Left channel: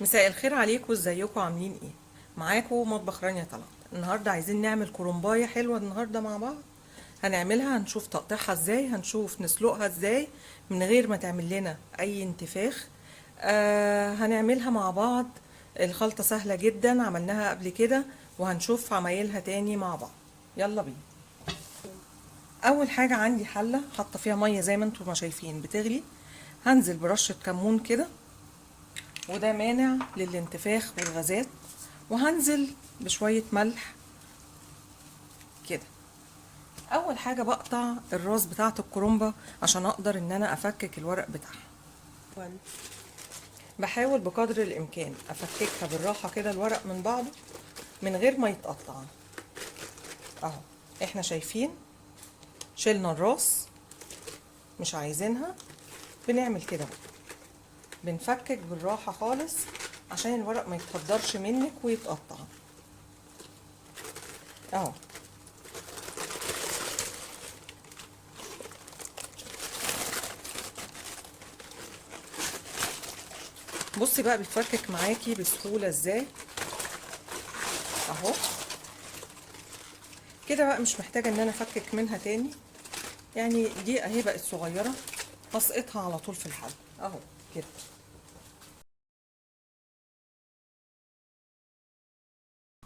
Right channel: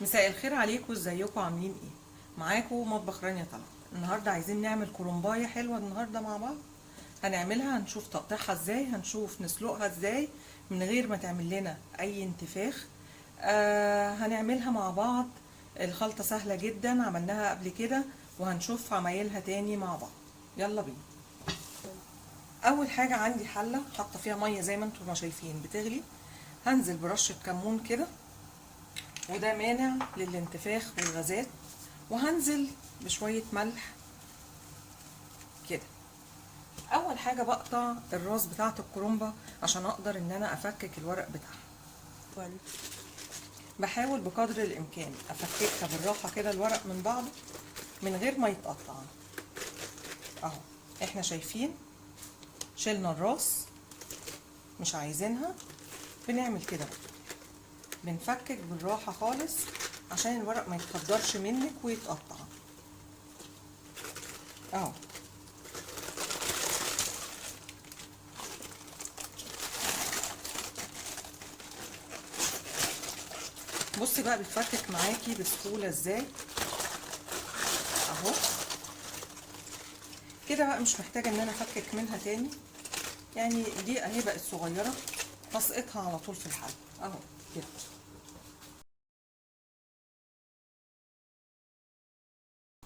مساء الخير عليكم، ازيكم عاملين ايه؟ معاكم مطبخ رانيا طلعت. النهارده عايزين نعمل كرنبايه حلوه النهارده مع بعض. هنعملها، هنشوف تقطيعها ازاي، هنشوف نسلقها ازاي من غير ما تعمل لنا اي انتفاخ. هنعملها مع بعض. الخلطه سهله جدا، عملناها قبل كده وهنشوف عمايلها تاني مع بعض. يلا بينا. اول حاجه عندي حله حاطه فيها ميه زي ما انتم ما شايفين بتغلي. هنزل برشه كمون كده، وده مانع للانتفاخ والغازات. وهنزل بشوية ملح كده. اول حاجة بقطع الراس بتاعة الكرنبة عشان اقدر ان انا افكك الورق بتاعها. بحاول بقدر الامكان افككها بالراحة كده الورق من بعضه من غير ما يتقطع. اهو احنا شايفين شلنا الراس، مش عايزينها. بنعمل كده بقى، بنفكك بالراحة خالص عشان الورق ما يتقدرش منك ويتقطع. اهو بصي بقى بيتفكك معاكي بسهولة ازاي. اهو كده بقى، مش محتاجة ان انا افكك منها تاني. يعني دي اهي بقت صغيرة، هسقطها على طول في الحل. اهو كده.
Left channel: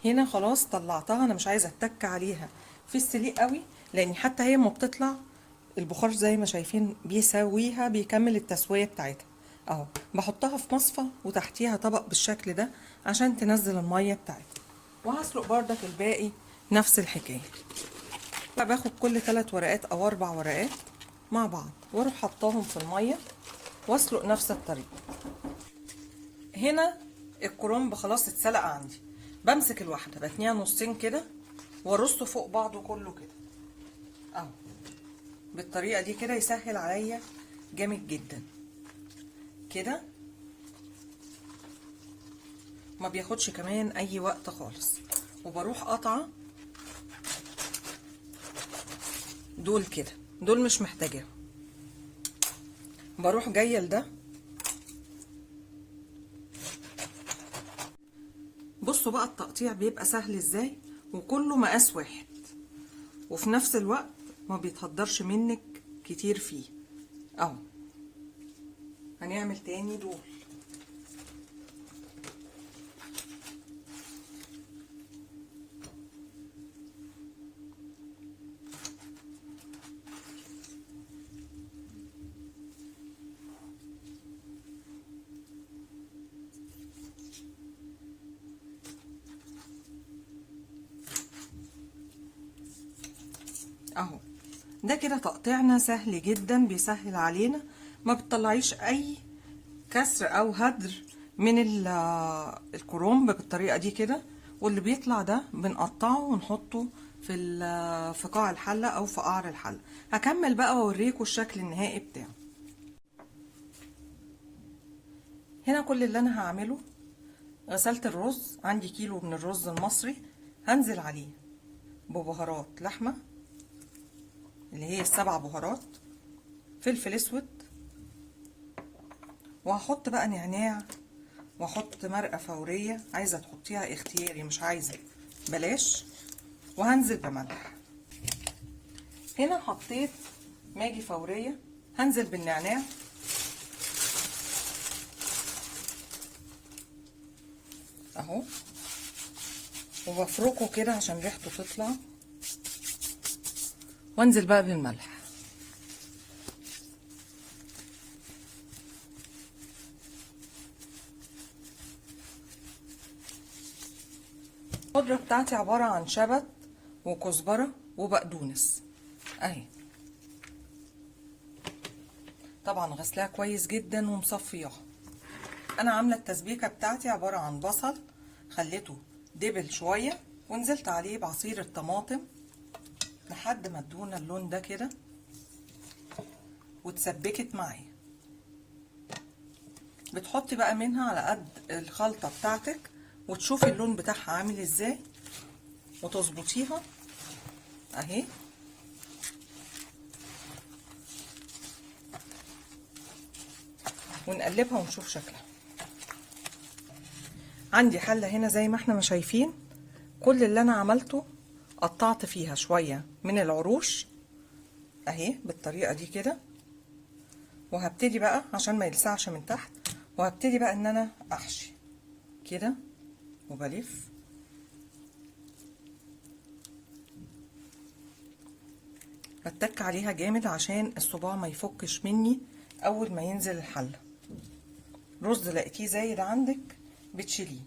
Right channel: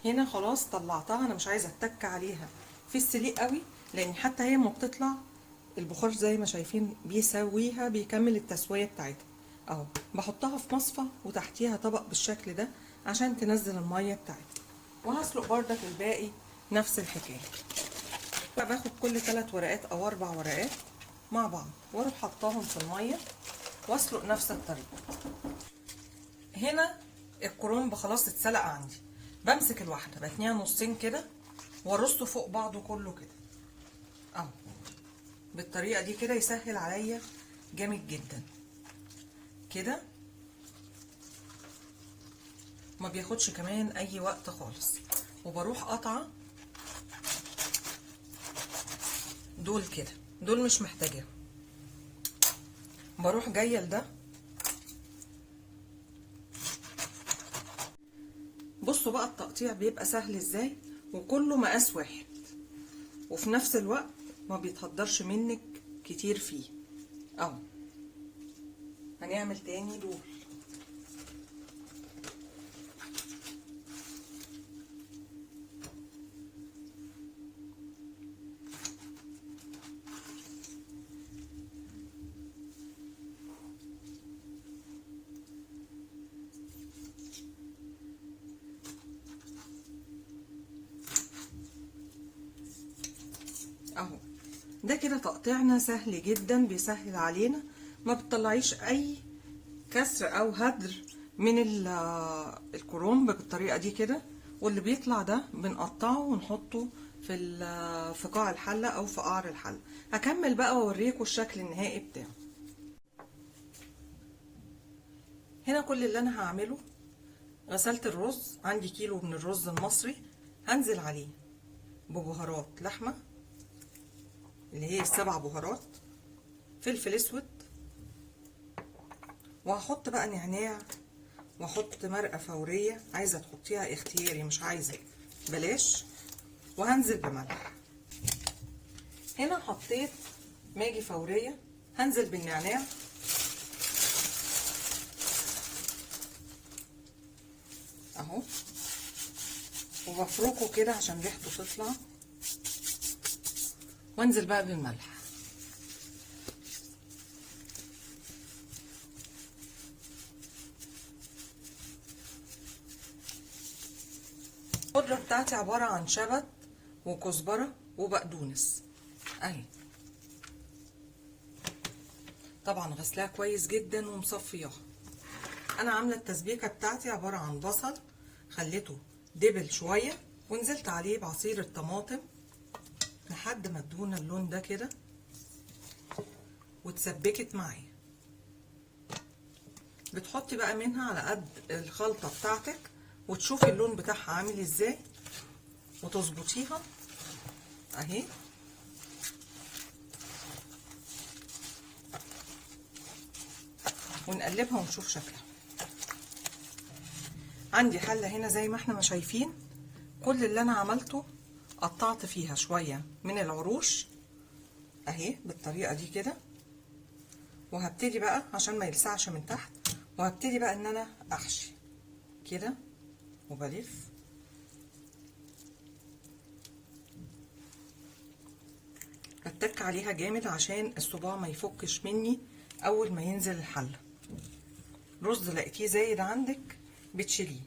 هنا خلاص طلعتها، انا مش عايزة اتك عليها في السليق قوي، لان حتى هي ما بتطلع البخار زي ما شايفين بيسويها، بيكمل التسوية بتاعتها. اهو بحطها في مصفى وتحتيها طبق بالشكل ده عشان تنزل المية بتاعتها. وهسلق بردك الباقي نفس الحكاية. بقى باخد كل 3 ورقات او 4 ورقات مع بعض واروح حطاهم في الميه واسلق نفس الطريقه. هنا الكرنب خلاص اتسلق عندي. بمسك الواحده بتنيها نصين كده وارصه فوق بعضه كله كده. اهو بالطريقه دي كده يسهل عليا جامد جدا كده. ما بياخدش كمان اي وقت خالص. وبروح قطعه دول كده، دول مش محتاجاهم. بروح جايه لده. بصوا بقى التقطيع بيبقى سهل ازاي، وكله مقاس واحد، وفي نفس الوقت ما بيتهدرش منك كتير فيه. اهو هنعمل تاني دول. اهو ده كده تقطيعنا سهل جدا، بيسهل علينا. ما بتطلعيش اي كسر او هدر من الكرنب بالطريقه دي كده. واللي بيطلع ده بنقطعه ونحطه في قاع الحله او في قعر الحله. هكمل بقى واوريكم الشكل النهائي بتاعه. هنا كل اللي انا هعمله، غسلت الرز، عندي كيلو من الرز المصري. هنزل عليه ببهارات لحمه اللي هي ال7 بهارات، فلفل اسود، وهحط بقى نعناع، واحط مرقه فوريه. عايزه تحطيها اختياري، مش عايزه بلاش. وهنزل بملح. هنا حطيت ماجي فوريه. هنزل بالنعناع اهو، وبفركه كده عشان ريحته تطلع. وانزل بقى بالملح. الخضره بتاعتي عباره عن شبت وكزبره وبقدونس اهي. طبعا غسلاها كويس جدا ومصفياها. انا عامله التسبيكه بتاعتي عباره عن بصل خليته دبل شويه، ونزلت عليه بعصير الطماطم لحد ما ادونا اللون ده كده وتسبكت معايا. بتحطي بقى منها على قد الخلطه بتاعتك وتشوفي اللون بتاعها عامل ازاي وتظبطيها اهي. ونقلبها ونشوف شكلها. عندي حلة هنا زي ما احنا ما شايفين، كل اللي انا عملته قطعت فيها شوية من العروش اهي بالطريقة دي كده، وهبتدي بقى عشان ما يلسعش من تحت، وهبتدي بقى ان انا احشي كده وبلف هتك عليها جامد عشان الصباع ما يفكش مني اول ما ينزل الحلة. رز لقيتيه زايد عندك بتشيليه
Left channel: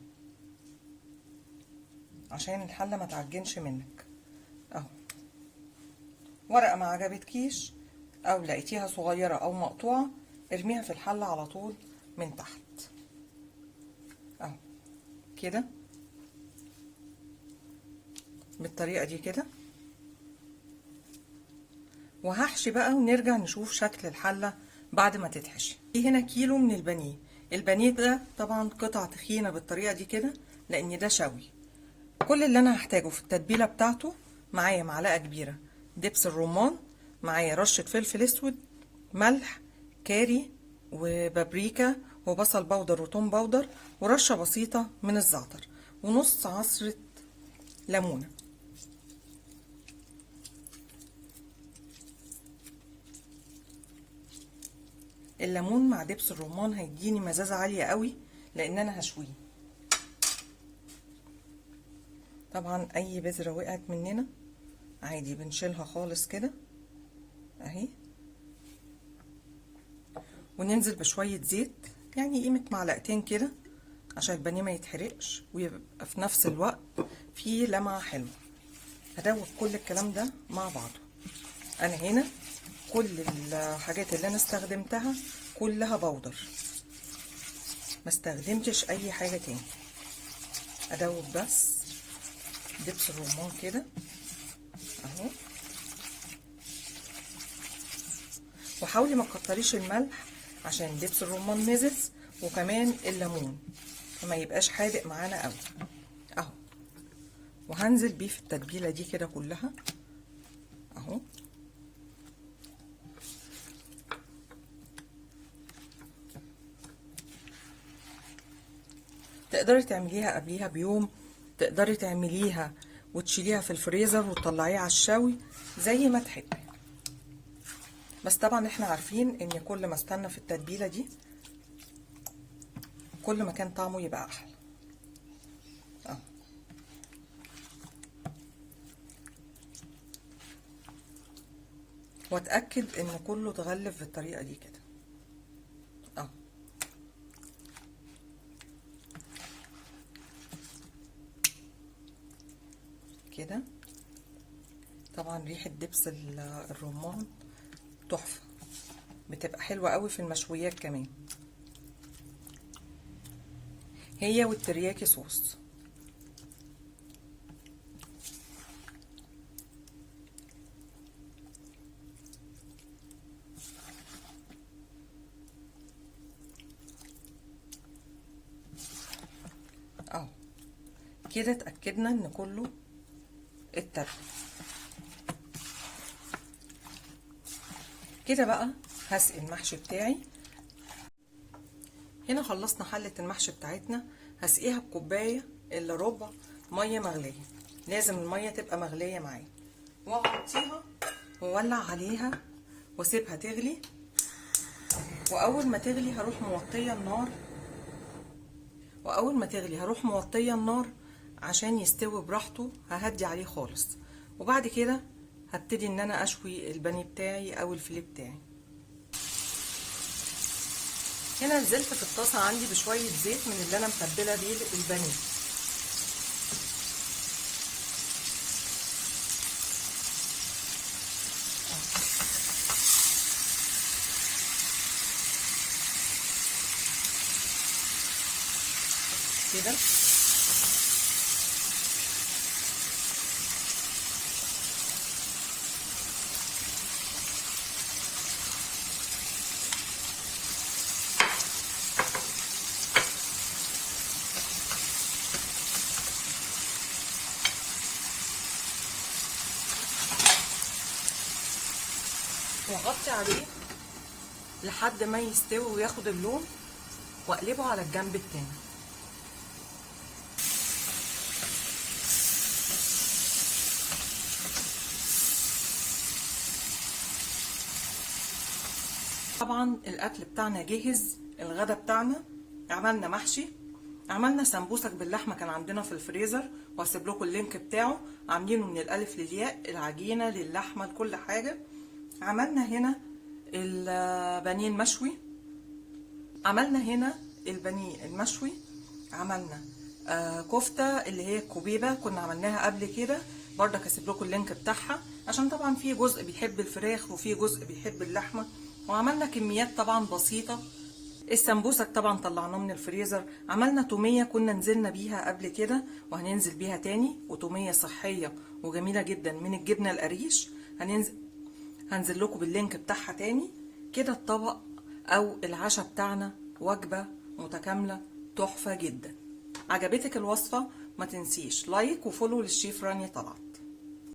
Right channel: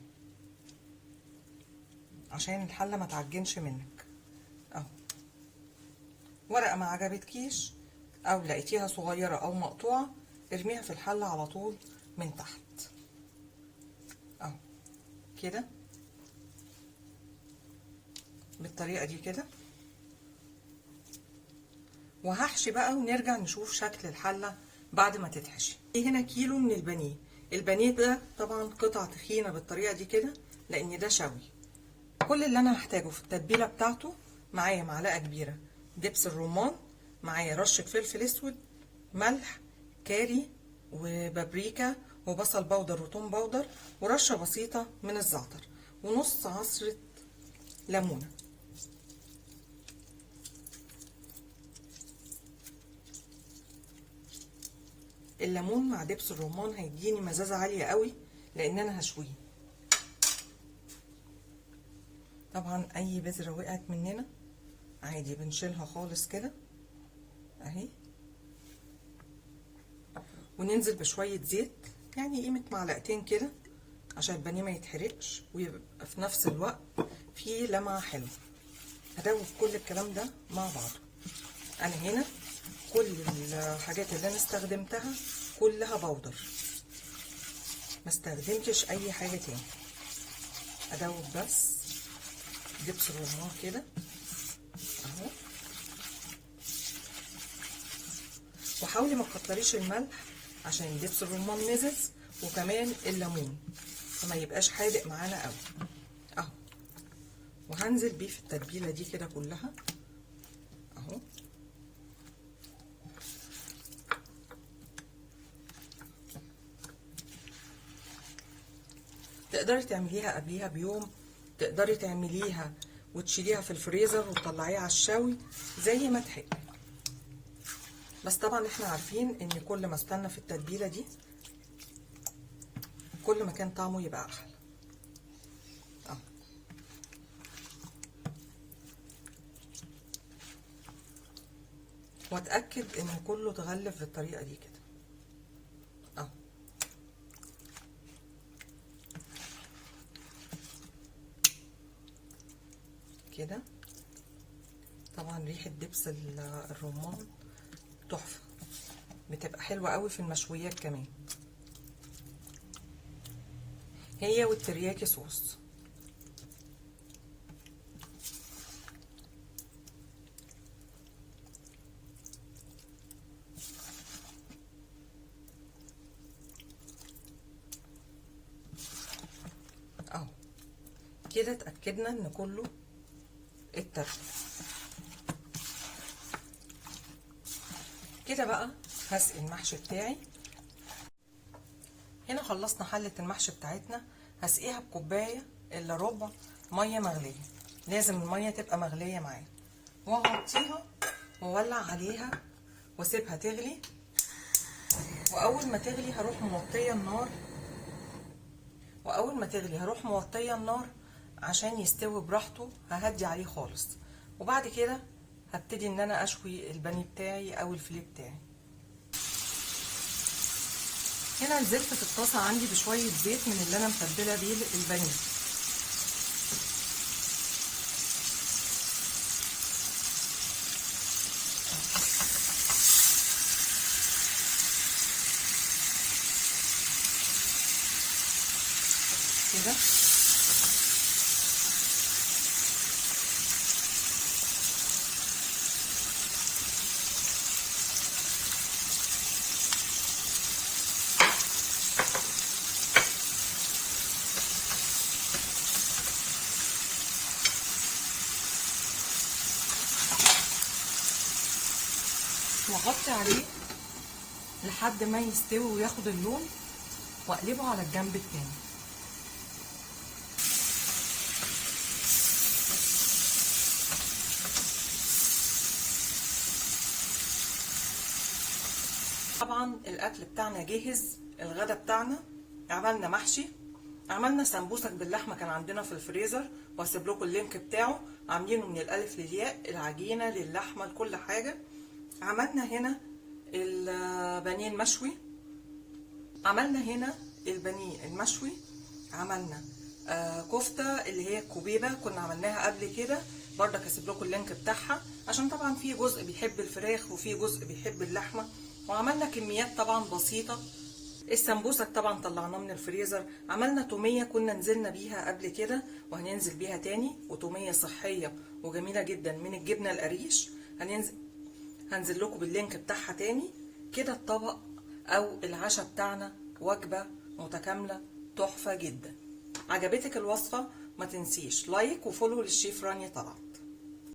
عشان الحلة ما تعجنش منك اهو. ورقة ما عجبتكيش او لقيتيها صغيرة او مقطوعة ارميها في الحلة على طول من تحت اهو كده بالطريقة دي كده. وهحشي بقى ونرجع نشوف شكل الحلة بعد ما تتحشي. في هنا كيلو من البانيه. البانيه ده طبعا قطع تخينة بالطريقة دي كده لان ده شوي. كل اللي انا هحتاجه في التتبيلة بتاعته معايا معلقة كبيرة دبس الرمان، معايا رشة فلفل اسود، ملح، كاري وبابريكا وبصل بودر وتوم بودر ورشة بسيطة من الزعتر ونص عصرة ليمونة. الليمون مع دبس الرمان هيديني مزازة عالية قوي لان انا هشويه. طبعا اي بذرة وقعت مننا عادي بنشيلها خالص كده اهي، وننزل بشوية زيت يعني قيمة معلقتين كده عشان البانيه ما يتحرقش ويبقى في نفس الوقت فيه لمعة حلوة. هدوب كل الكلام ده مع بعض. انا هنا كل الحاجات اللي انا استخدمتها كلها بودر، ما استخدمتش اي حاجة تاني. ادوب بس دبس الرمان كده اهو، وحاولي ما تكتريش الملح عشان دبس الرمان مزز وكمان الليمون فما يبقاش حادق معانا قوي اهو. وهنزل بيه في التتبيله دي كده كلها اهو. تقدري تعمليها قبليها بيوم، تقدري تعمليها وتشيليها في الفريزر وتطلعيها على الشوي زي ما تحبي. بس طبعا احنا عارفين ان كل ما استنى في التتبيله دي كل ما كان طعمه يبقى احلى اهو. واتاكد ان كله اتغلف بالطريقه دي كده اهو كده. طبعا ريحه دبس الرمان تحفه، بتبقى حلوه قوي في المشويات كمان، هي والترياكي صوص. اهو كده اتاكدنا ان كله اتبل. كده بقى هسقي المحشي بتاعي. هنا خلصنا حلة المحشي بتاعتنا، هسقيها بكوباية الا ربع مية مغلية، لازم المية تبقى مغلية معايا، واغطيها واولع عليها واسيبها تغلي. واول ما تغلي هروح موطية النار، عشان يستوي براحته. ههدي عليه خالص، وبعد كده هبتدي ان انا اشوي البانيه بتاعي او الفيليه بتاعي. هنا نزلت في الطاسه عندي بشويه زيت من اللي انا متبله بيه البانيه. كده واغطي عليه لحد ما يستوي وياخد اللون، واقلبه على الجنب التاني. طبعا الاكل بتاعنا جاهز. الغدا بتاعنا عملنا محشي، عملنا سمبوسك باللحمه كان عندنا في الفريزر، وهسيب لكم اللينك بتاعه، عاملينه من الالف للياء، العجينه للحمه لكل حاجه. عملنا هنا البانيه المشوي، عملنا هنا البانيه المشوي، عملنا كفته اللي هي الكوبيبه كنا عملناها قبل كده، برضك هسيب لكم اللينك بتاعها، عشان طبعا في جزء بيحب الفراخ وفي جزء بيحب اللحمه. وعملنا كميات طبعا بسيطه. السمبوسك طبعا طلعناه من الفريزر. عملنا توميه كنا نزلنا بيها قبل كده وهننزل بيها تاني، وتوميه صحيه وجميله جدا من الجبنه القريش، هنزل لكم باللينك بتاعها تاني. كده الطبق او العشاء بتاعنا وجبه متكامله تحفه جدا. عجبتك الوصفه؟ ما تنسيش لايك وفولو للشيف رانيا طلعت.